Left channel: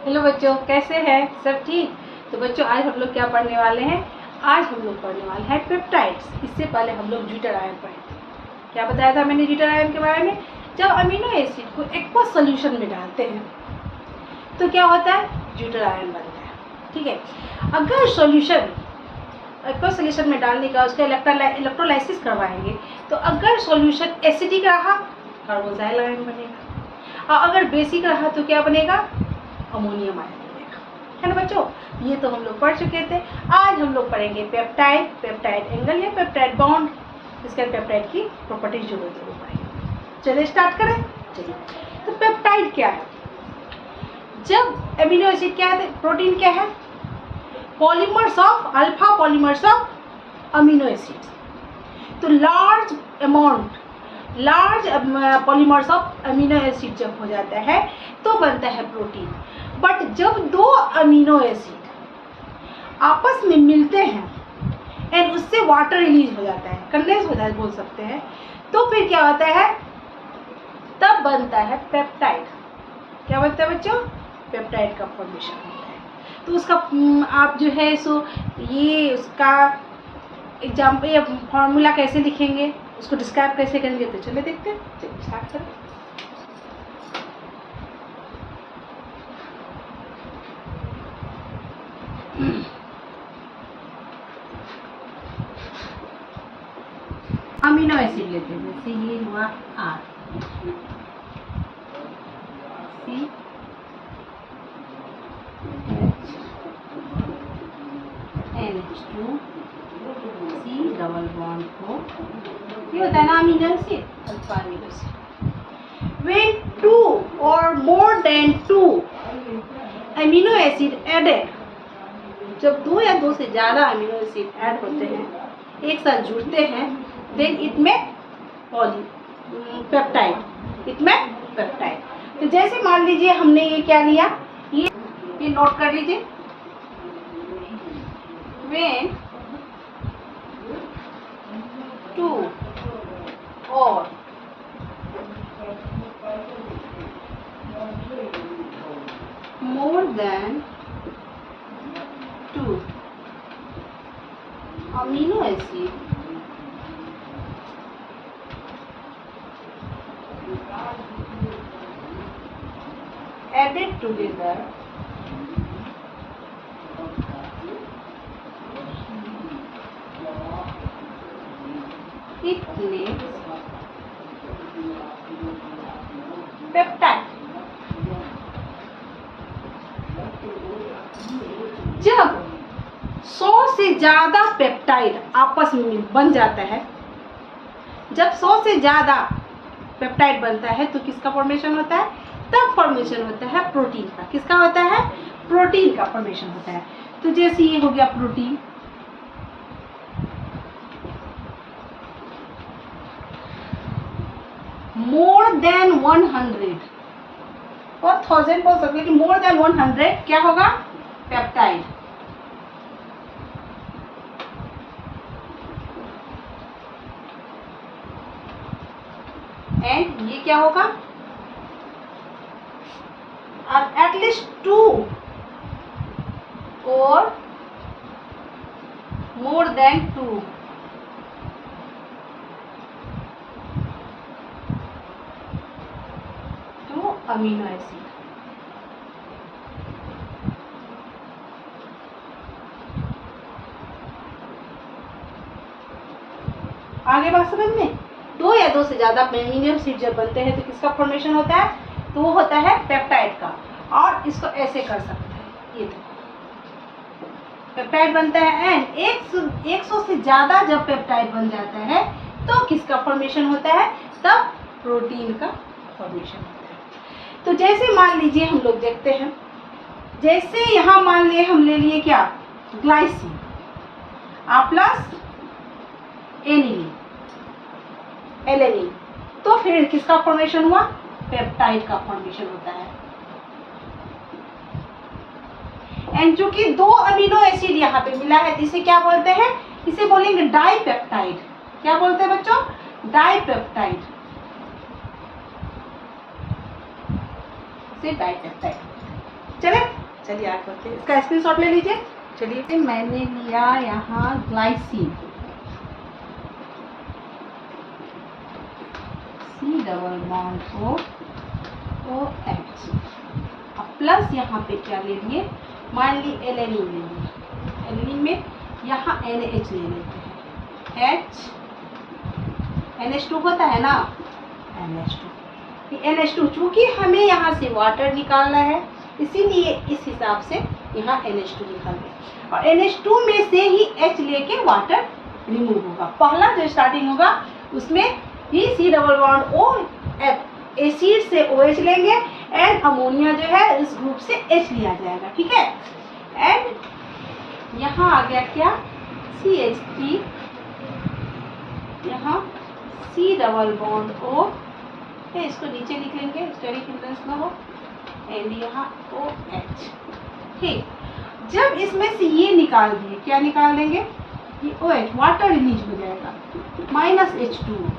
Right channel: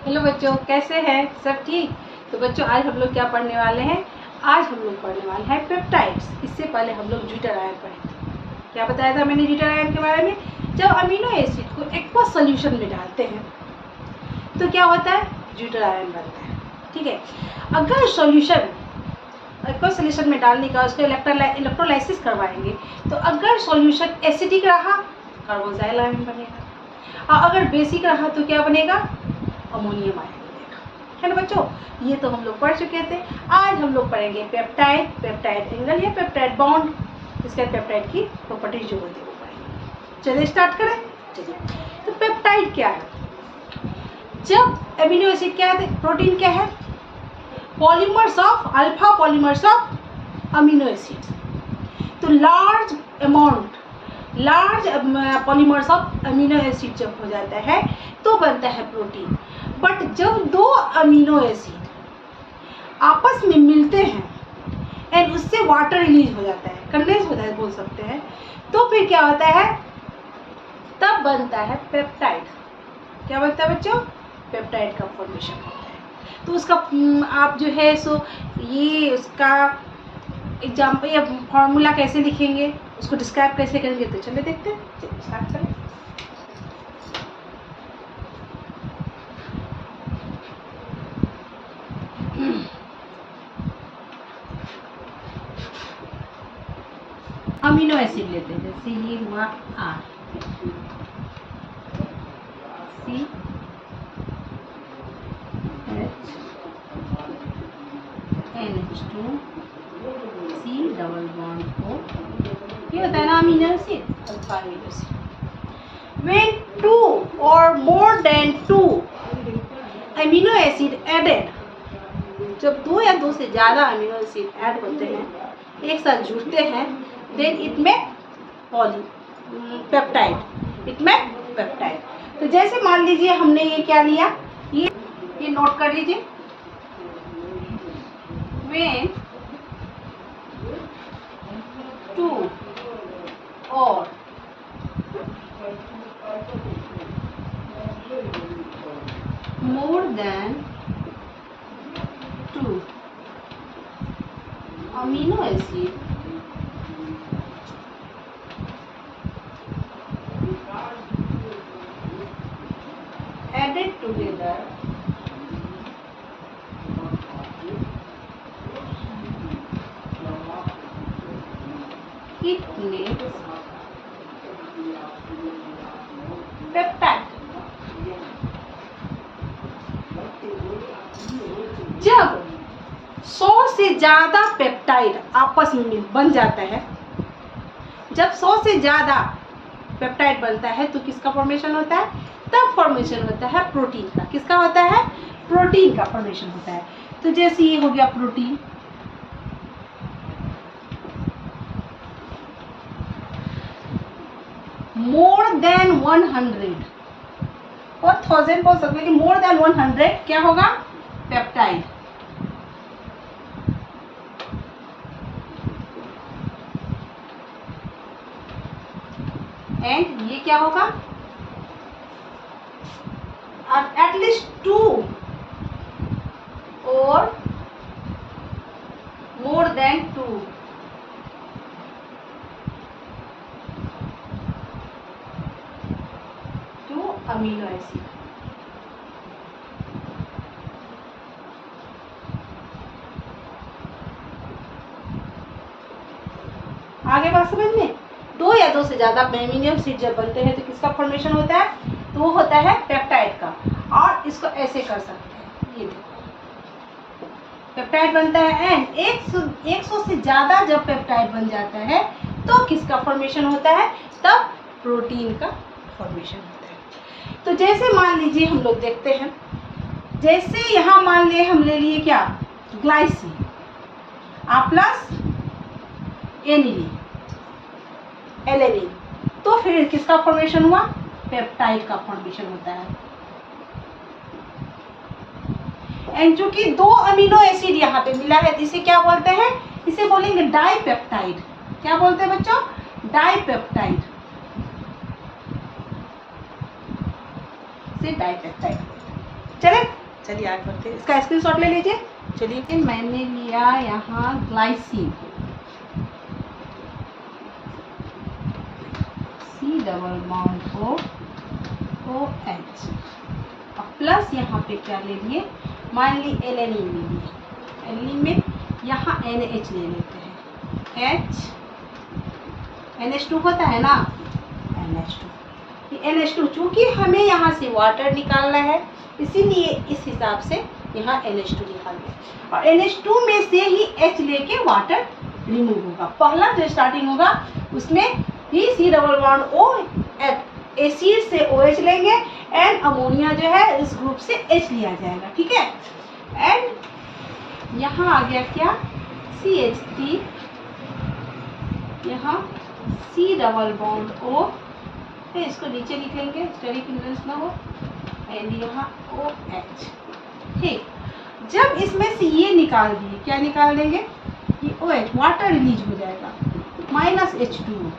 Hello बच्चों, कैसे हैं? सब ठीक? तो बच्चों आज हम लोग क्या पढ़ने वाले हैं? आज हम लोग पढ़ने वाले हैं पेप्टाइड्स। इससे पहले हम लोग ज्यूटर आयन पढ़े थे। क्या बताया था मैंने ज्यूटर आयन के बारे में? जब अमीनो एसिड को एक्वस सोल्यूशन में डालते हैं तो क्या होता है? ज्यूटर आयन बनता है। ठीक है, अगर सोल्यूशन एक्वस सोल्यूशन में डालने का उसका इलेक्ट्रोलाइसिस करवाएंगे तो अगर सोल्यूशन एसिडिक रहा कार्बोक्सिल आयन बनेगा, और अगर बेसिक रहा तो क्या बनेगा? अमोनियम आयन बनेगा। है ना बच्चों? ये तो हम लोग पढ़ चुके थे। आज हम लोग पढ़ेंगे पेप्टाइड, पेप्टाइड एंगल या पेप्टाइड बॉन्ड, इसके पेप्टाइड की प्रॉपर्टीज जो होती है वो पढ़ेंगे। चलिए स्टार्ट करें। चलिए, तो पेप्टाइड क्या है? जब एमिनो एसिड क्या है, प्रोटीन क्या है? Polymers of alpha polymers of amino acid. तो large polymers of amino acid जब हो जाता है तो बनता है प्रोटीन। बट जब दो अमीनो एसिड आपस में मिलते हैं एंड उससे वाटर रिलीज हो जाता है, कंडेंस हो जाता है बोल सकते हैं, तो फिर क्या होता है? तब बनता है पेप्टाइड। क्या बनता है बच्चों? पेप्टाइड का फॉर्मेशन होता है। तो उसका आप जो है सो ये उसका एग्जाम्पल या फॉर्मूला कैसे लिखेंगे, उसको डिस्क्राइब कैसे करेंगे, तो चलिए देखते हैं। चलिए स्टार्ट करें। अमीनो एसिड लेते हैं, जैसे ये हुआ R, C H NH2 C double bond O, ये होता है ना amino acid, alpha amino acid. When 2 or more than 2 amino acid added, जब 2 या 2 से ज़्यादा अमीनो एसिड ऐड होते हैं, एक साथ जुड़ते हैं, देन इट में पेप्टाइड, इट में पेप्टाइड। तो जैसे मान लीजिए हमने ये क्या लिया, ये नोट कर लीजिए। When 2 or more than 2 amino acid added together it makes peptide. जब 100 से ज्यादा पेप्टाइड आपस में बन जाता है, जब 100 से ज्यादा पेप्टाइड बनता है तो किसका फॉर्मेशन होता है? तब फॉर्मेशन होता है प्रोटीन का। किसका होता है? प्रोटीन का फॉर्मेशन होता है। तो जैसे ये हो गया प्रोटीन, मोर देन 100 और 1000 बोल सकते हैं कि मोर देन 100 क्या होगा? पेप्टाइड। एंड ये क्या होगा? एटलीस्ट 2 और मोर देन 2 अमीनो एसिड। आगे बात समझ में? 2 या 2 से ज्यादा अमीनो एसिड जब बनते हैं तो किसका फॉर्मेशन होता है? तो वो होता है पेप्टाइड का। और इसको ऐसे कर सकते हैं, ये देखो पेप्टाइड बनता है। एंड 100 से ज्यादा जब पेप्टाइड बन जाता है तो किसका फॉर्मेशन होता है? तब प्रोटीन का फॉर्मेशन होता है। तो जैसे मान लीजिए हम लोग देखते हैं, जैसे यहाँ मान लिए हम ले लिए क्या? ग्लाइसिन आ प्लस एनिलीन, तो फिर किसका फॉर्मेशन हुआ? पेप्टाइड का फॉर्मेशन होता है। एंड चूंकि 2 अमीनो एसिड यहाँ पे मिला है, इसे क्या बोलते हैं? इसे बोलेंगे डाइपेप्टाइड। क्या बोलते हैं बच्चों? डाइपेप्टाइड। से डाइपेप्टाइड। चले चलिए आगे बढ़ते हैं, इसका स्क्रीनशॉट ले लीजिए। चलिए मैंने लिया यहाँ glycine, C double bond OH, और प्लस यहाँ पे क्या ले लिए, मान ली एलेनिन ले लिए। एलेनिन में यहाँ NH ले लेते हैं, H NH2 होता है ना, NH2। ये NH2 चूँकि हमें यहाँ से वाटर निकालना है, इसीलिए इस हिसाब से यहाँ NH2 निकाल दिया, और NH2 में से ही H लेके वाटर रिमूव होगा। पहला जो स्टार्टिंग होगा उसमें ही C double bond O acid से OH लेंगे, एंड अमोनिया जो है इस ग्रुप से H लिया जाएगा, ठीक है। एंड यहाँ आ गया क्या, CH3, यहाँ C डबल बॉन्ड O है, इसको नीचे लिख लेंगे स्टडी हिंड्रेंस ना हो, एंड यहाँ OH, ठीक। जब इसमें से ये निकाल दिए, क्या निकाल देंगे, ये OH वाटर रिलीज हो जाएगा, माइनस H2।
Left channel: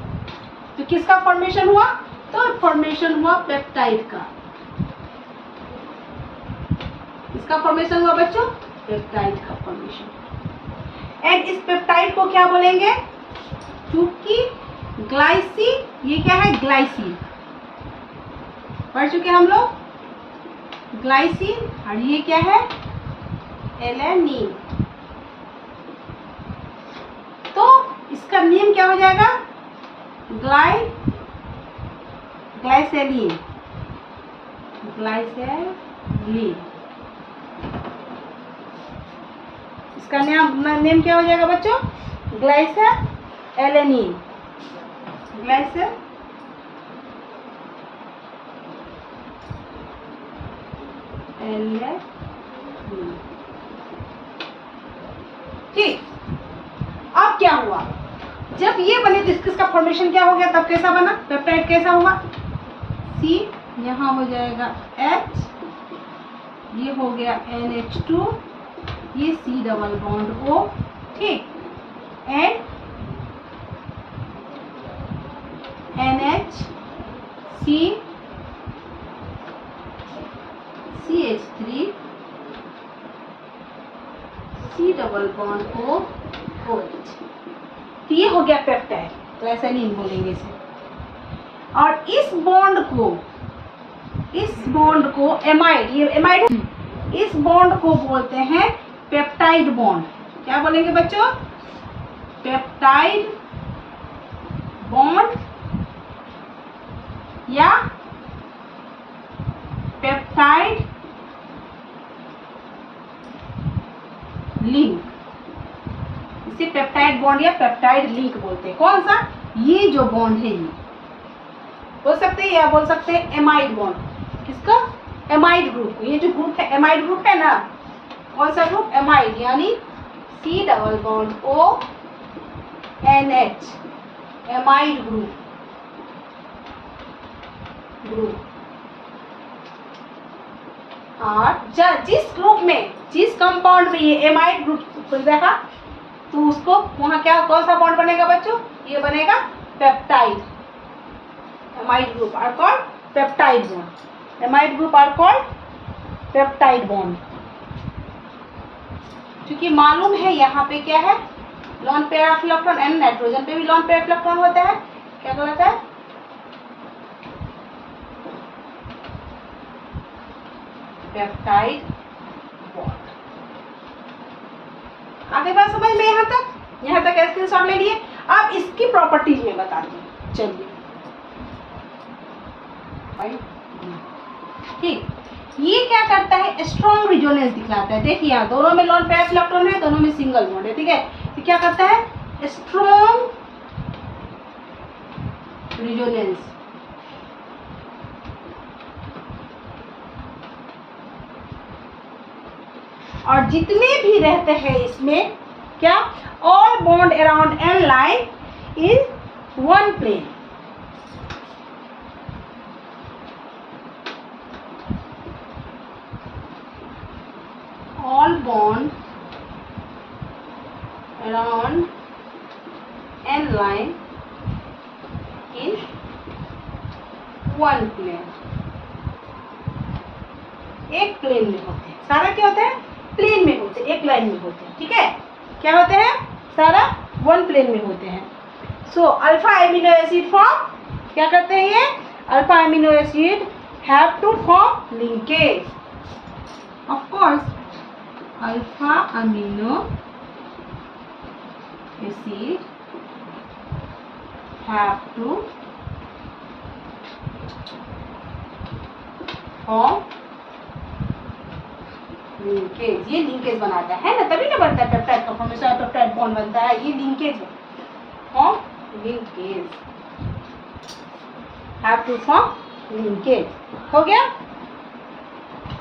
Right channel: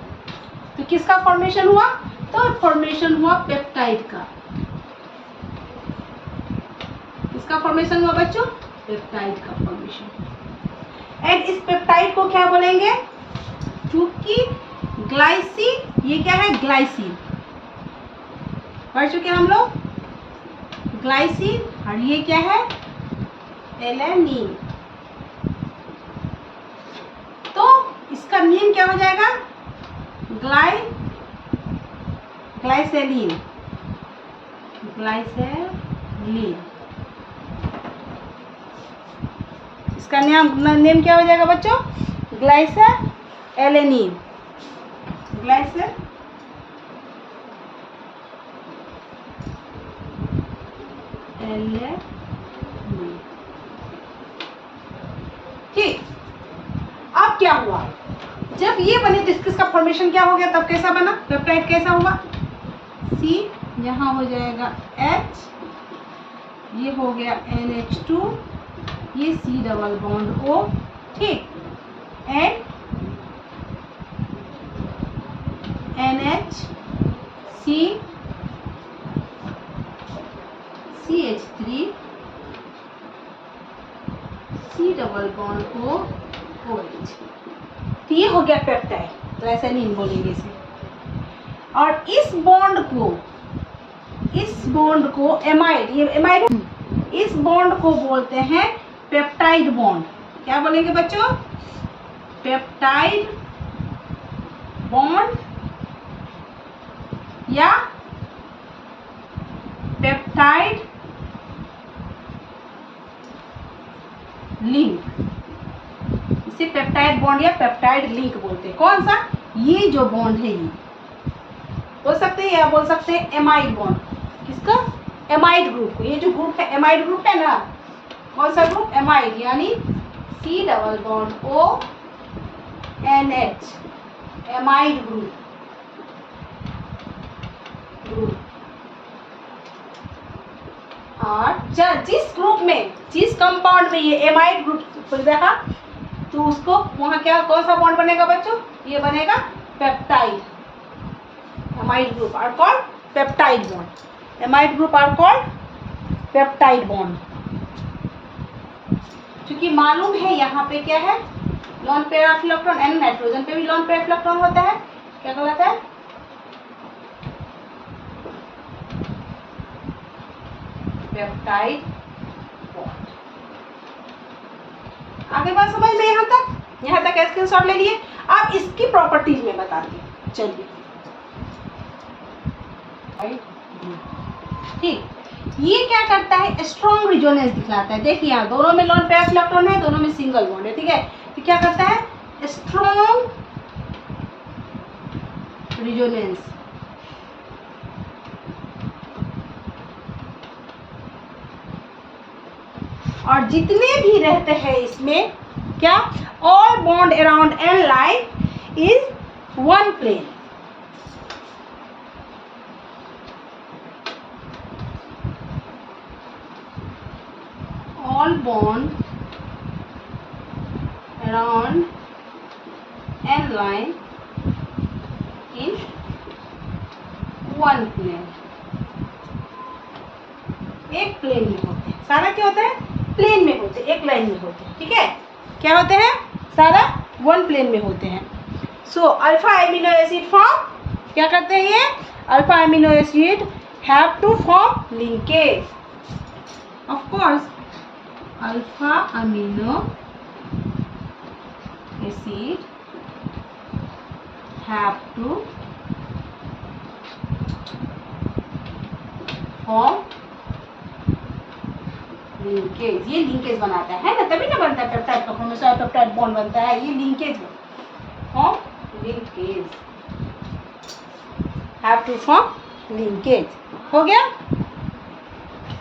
तो किसका फॉर्मेशन हुआ, तो फॉर्मेशन हुआ पेप्टाइड का। किसका फॉर्मेशन हुआ बच्चों, पेप्टाइड का फॉर्मेशन। एंड इस पेप्टाइड को क्या बोलेंगे, चूंकि ग्लाइसिन, ये क्या है ग्लाइसिन, पढ़ चुके हम लोग ग्लाइसिन, और ये क्या है एलेनिन। तो इसका नेम क्या हो जाएगा, ग्लाइसेलिन, ग्लाइसेलिन। इसका नेम क्या हो जाएगा बच्चों, ग्लाइसेलेनिन, ग्लाइसेलिन। ठीक, अब क्या हुआ, जब ये बने तो इसका फॉर्मेशन क्या हो गया, तब कैसा बना पेप्टाइड, कैसा हुआ, C यहाँ हो जाएगा H, ये हो गया NH2, ये C डबल बॉन्ड O, ठीक, and NH C CH3 C double bond O OH। तो ये हो गया पेप्टाइड, ग्लाइसेलिन बोलेंगे इसे। और इस बॉन्ड को एमाइड, ये एमाइड, इस बॉन्ड को बोलते हैं पेप्टाइड बॉन्ड। क्या बोलेंगे बच्चों, पेप्टाइड बॉन्ड या पेप्टाइड लिंक, इसे पेप्टाइड बॉन्ड या पेप्टाइड लिंक बोलते हैं। कौन सा, ये जो बॉन्ड है, ये बोल सकते हैं, या बोल सकते हैं एमाइड बॉन्ड। किसका, एमाइड ग्रुप को, ये जो ग्रुप है एमाइड ग्रुप है ना, कौन सा ग्रुप, एमाइड, यानी C double bond O NH, amide group. और जिस ग्रुप में, जिस कंपाउंड में ये एमाइड ग्रुप देखा, तो उसको वहाँ क्या, कौन सा बॉन्ड बनेगा बच्चों, ये बनेगा peptide. Amide group are called peptide bond, amide group are called peptide bond. क्योंकि मालूम है यहाँ पे क्या है, lone pair of electron, and nitrogen पे भी लॉन पेयर ऑफ इलेक्ट्रॉन होता है, क्या कहलाता है, पेप्टाइड बॉन्ड। आगे बात समझ में, यहाँ तक स्क्रीनशॉट ले लिए। अब इसकी प्रॉपर्टीज में बताती हूँ, चलिए। ठीक, ये क्या करता है, स्ट्रॉन्ग रिजोनेंस दिखलाता है। देखिए यहाँ दोनों में लॉन पेयर इलेक्ट्रॉन है, दोनों में सिंगल बॉन्ड है, ठीक है। तो क्या करता है, स्ट्रॉन्ग रिजोनेंस, और जितने भी रहते हैं इसमें क्या, all bond around N line is one plane. All bond around n line in one plane. एक प्लेन में होते हैं। सारा क्या होता है? प्लेन में होते हैं, एक लाइन में होते हैं। ठीक है, क्या होते हैं? सारा वन प्लेन में होते हैं। So alpha amino acid form क्या करते हैं? ये alpha amino acid have to form linkage. Of course alpha amino acid have to form linkage. ये लिंकेज बनाता है ना, तभी ना बनता है पेप्टाइड का फॉर्मेशन, पेप्टाइड बॉन्ड बनता है। ये linkage form linkage, have to form linkage. हो गया?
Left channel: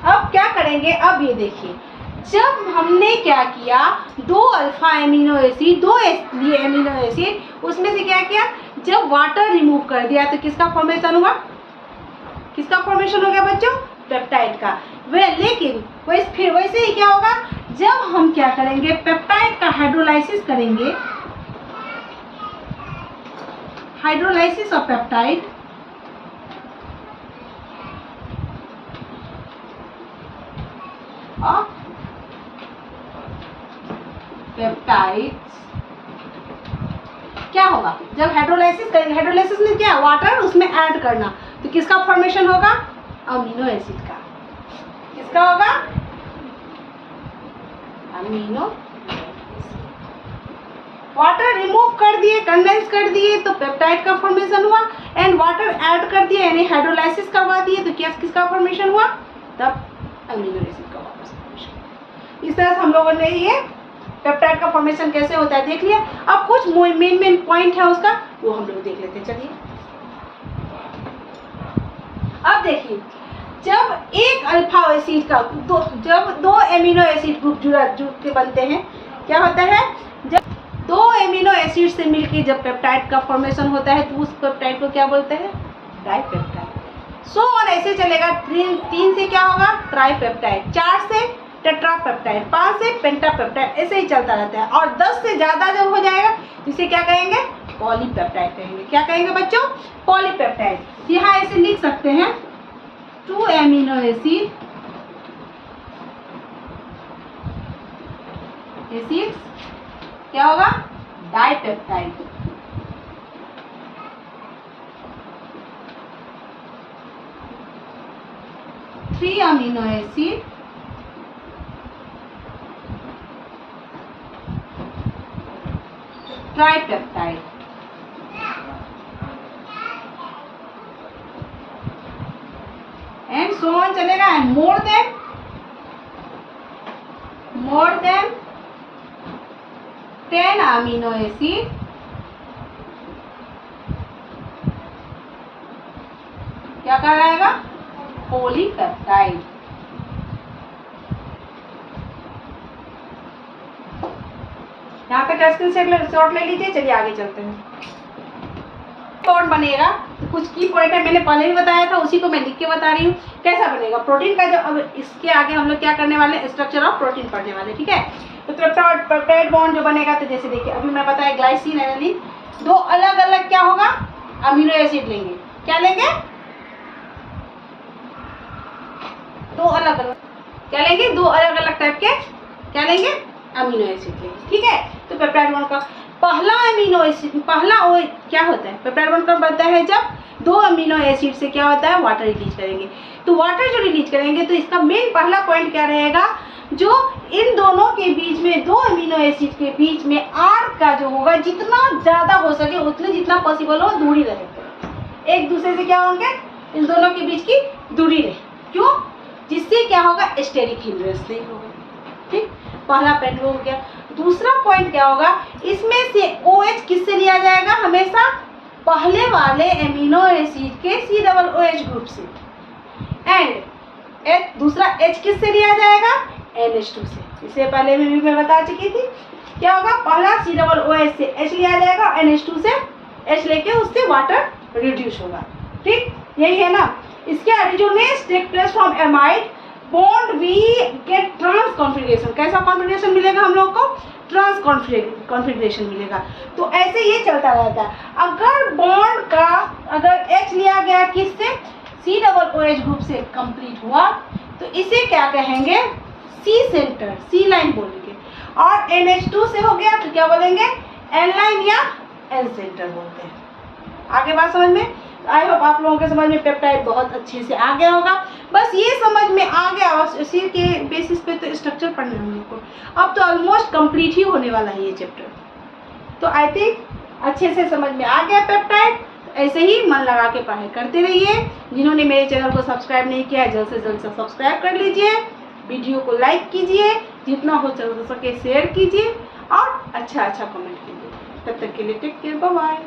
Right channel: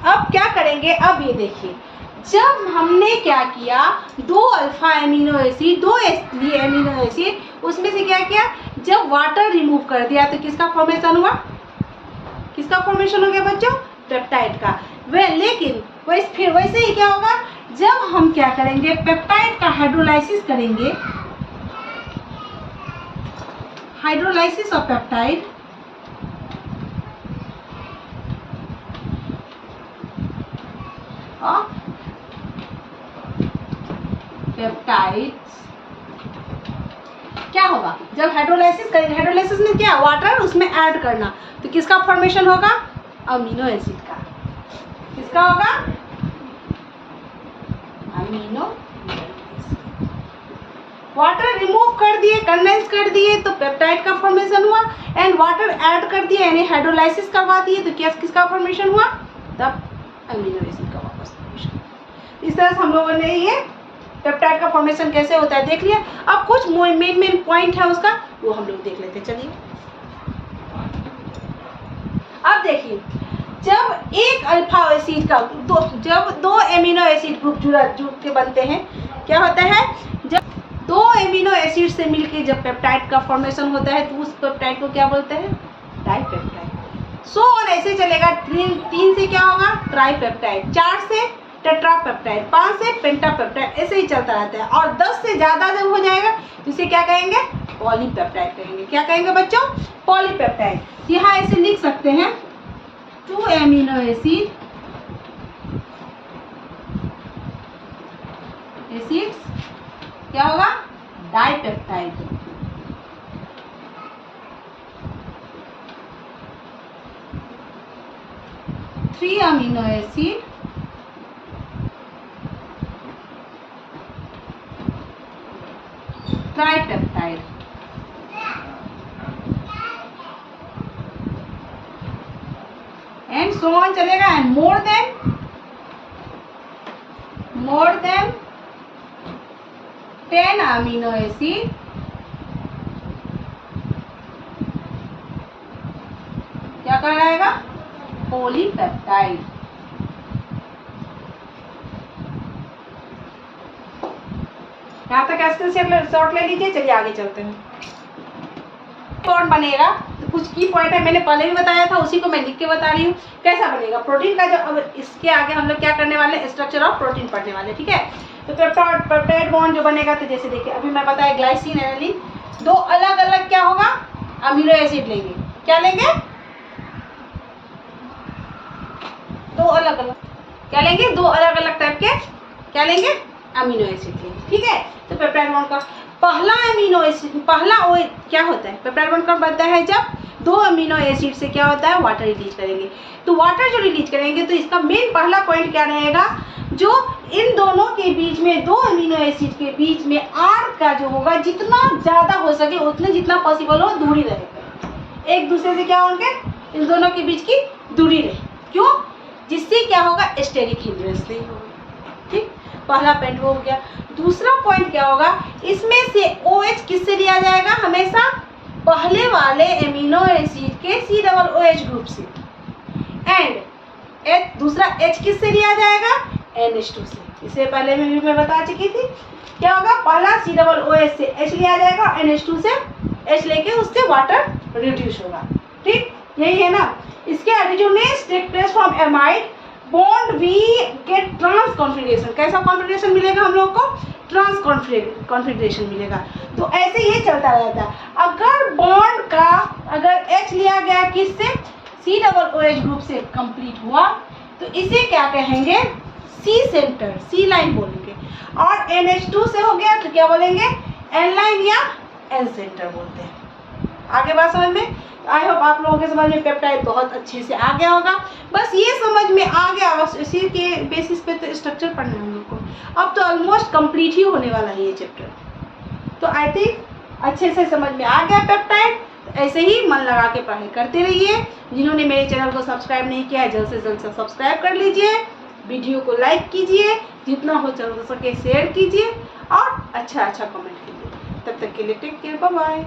अब क्या करेंगे? अब ये देखिए, जब हमने क्या किया, दो अल्फा एमिनो एसिड, दो एमिनो एसिड, उसमें से क्या किया, जब वाटर रिमूव कर दिया तो किसका फॉर्मेशन हुआ? किसका फॉर्मेशन हो गया बच्चों? पेप्टाइड का। लेकिन फिर वैसे ही क्या होगा, जब हम क्या करेंगे, पेप्टाइड का हाइड्रोलाइसिस करेंगे, हाइड्रोलाइसिस ऑफ पेप्टाइड, पेप्टाइड्स क्या होगा, जब हाइड्रोलाइसिस करेंगे, हाइड्रोलाइसिस में क्या, वाटर उसमें ऐड करना, तो किसका फॉर्मेशन होगा? अमीनो एसिड का। किसका होगा? अमीनो। वाटर रिमूव कर दिए, कंडेंस कर दिए तो पेप्टाइड का फॉर्मेशन हुआ, एंड वाटर ऐड कर दिया यानी हाइड्रोलाइसिस करवा दिए तो क्या, किसका फॉर्मेशन हुआ? तब अमीनो एसिड का वापस फॉर्मेशन। इस तरह से हम लोगों ने ये पेप्टाइड का फॉर्मेशन कैसे होता है देख लिया। अब कुछ मेन पॉइंट है उसका, वो हम लोग देख लेते हैं। चलिए अब देखिए, जब एक अल्फा एसिड का जब दो एमिनो एसिड ग्रुप जुड़ के बनते हैं, क्या होता है, जब दो एमिनो एसिड से मिलकर जब पेप्टाइड का फॉर्मेशन होता है तो उस पेप्टाइड को क्या बोलते हैं? डाइपेप्टाइड। सो और ऐसे चलेगा, 3 से क्या होगा? ट्राइपेप्टाइड, 4 से टेट्रापेप्टाइड, 5 से पेंटापेप्टाइड, ऐसे ही चलता रहता है। और 10 से ज़्यादा जब हो जाएगा तो इसे क्या कहेंगे? पॉलीपेप्टाइड कहेंगे। क्या कहेंगे बच्चों? पॉलीपेप्टाइड। यहाँ ऐसे लिख सकते हैं, 2 एमिनो एसिड्स क्या होगा? Dipeptide. Three amino acid tripeptide. And so on चलेगा। And more than 10 amino acid क्या कहलाएगा? पॉलीपेप्टाइड। यहाँ तक स्क्रीन शॉट ले लीजिए। चलिए आगे चलते हैं। बॉन्ड बनेगा तो कुछ की पॉइंट है, मैंने पहले भी बताया था, उसी को मैं लिख के बता रही हूँ। कैसा बनेगा प्रोटीन का? जो अब इसके आगे हम लोग क्या करने वाले हैं, स्ट्रक्चर ऑफ प्रोटीन पढ़ने वाले। ठीक है, तो पेप्टाइड बॉन्ड जो बनेगा, तो जैसे देखिए अभी मैं बताया ग्लाइसिन एनालिन, दो अलग अलग क्या होगा, अमीनो एसिड लेंगे। क्या लेंगे? दो अलग अलग क्या लेंगे? दो अलग अलग टाइप के क्या लेंगे? अमीनो एसिड लेंगे। ठीक है, तो पेप्टाइड बॉन्ड का पहला अमीनो एसिड, पहला ओ क्या होता है? पेप्टाइड बॉन्ड कब बनता है? जब दो अमीनो एसिड से क्या होता है? वाटर रिलीज करेंगे। तो वाटर जो रिलीज करेंगे तो इसका मेन पहला पॉइंट क्या रहेगा, जो इन दोनों के बीच में, दो अमीनो एसिड के बीच में आर का जो होगा, जितना ज़्यादा हो सके उतने, जितना पॉसिबल हो दूरी रहे, एक दूसरे से क्या होंगे, इन दोनों के बीच की दूरी रहे। क्यों? जिससे क्या होगा? स्टेरिक हिंड्रेंस नहीं होगा। ठीक, पहला पॉइंट हो गया। दूसरा पॉइंट क्या होगा, इसमें से OH किससे लिया जाएगा? हमेशा पहले वाले एमिनो एसिड के COOH ग्रुप से। एंड दूसरा H किससे लिया जाएगा? NH2 से। इससे पहले में भी मैं बता चुकी थी। क्या होगा? पहला COOH से H लिया जाएगा, NH2 से H लेके उससे वाटर रिड्यूस होगा। ठीक, यही है ना। इसके reduce take place from amide bond we get trans configuration. कैसा कॉन्फिगरेशन मिलेगा हम लोग को? ट्रांस कॉन्फिगरेशन मिलेगा। तो ऐसे ये चलता रहता है। अगर बॉन्ड का अगर H लिया गया किससे? COOH ग्रुप से कंप्लीट हुआ, तो इसे क्या कहेंगे, सी सेंटर, सी लाइन बोलेंगे। और NH2 से हो गया तो क्या बोलेंगे, एन लाइन या एन सेंटर बोलते हैं। आगे बात समझ में? आई होप आप लोगों के समझ में पेप्टाइड बहुत अच्छे से आ गया होगा। बस ये समझ में आ गया, बस इसी के बेसिस पे तो स्ट्रक्चर पढ़ना है हम लोग को। अब तो ऑलमोस्ट कंप्लीट ही होने वाला है ये चैप्टर। तो आई थिंक अच्छे से समझ में आ गया पेप्टाइड। ऐसे ही मन लगा के पढ़ाई करते रहिए। जिन्होंने मेरे चैनल को सब्सक्राइब नहीं किया है, जल्द से जल्द से सब्सक्राइब कर लीजिए। वीडियो को लाइक कीजिए, जितना हो सके शेयर कीजिए और अच्छा कमेंट कीजिए। तब तक के लिए टेक केयर, बाय बाय।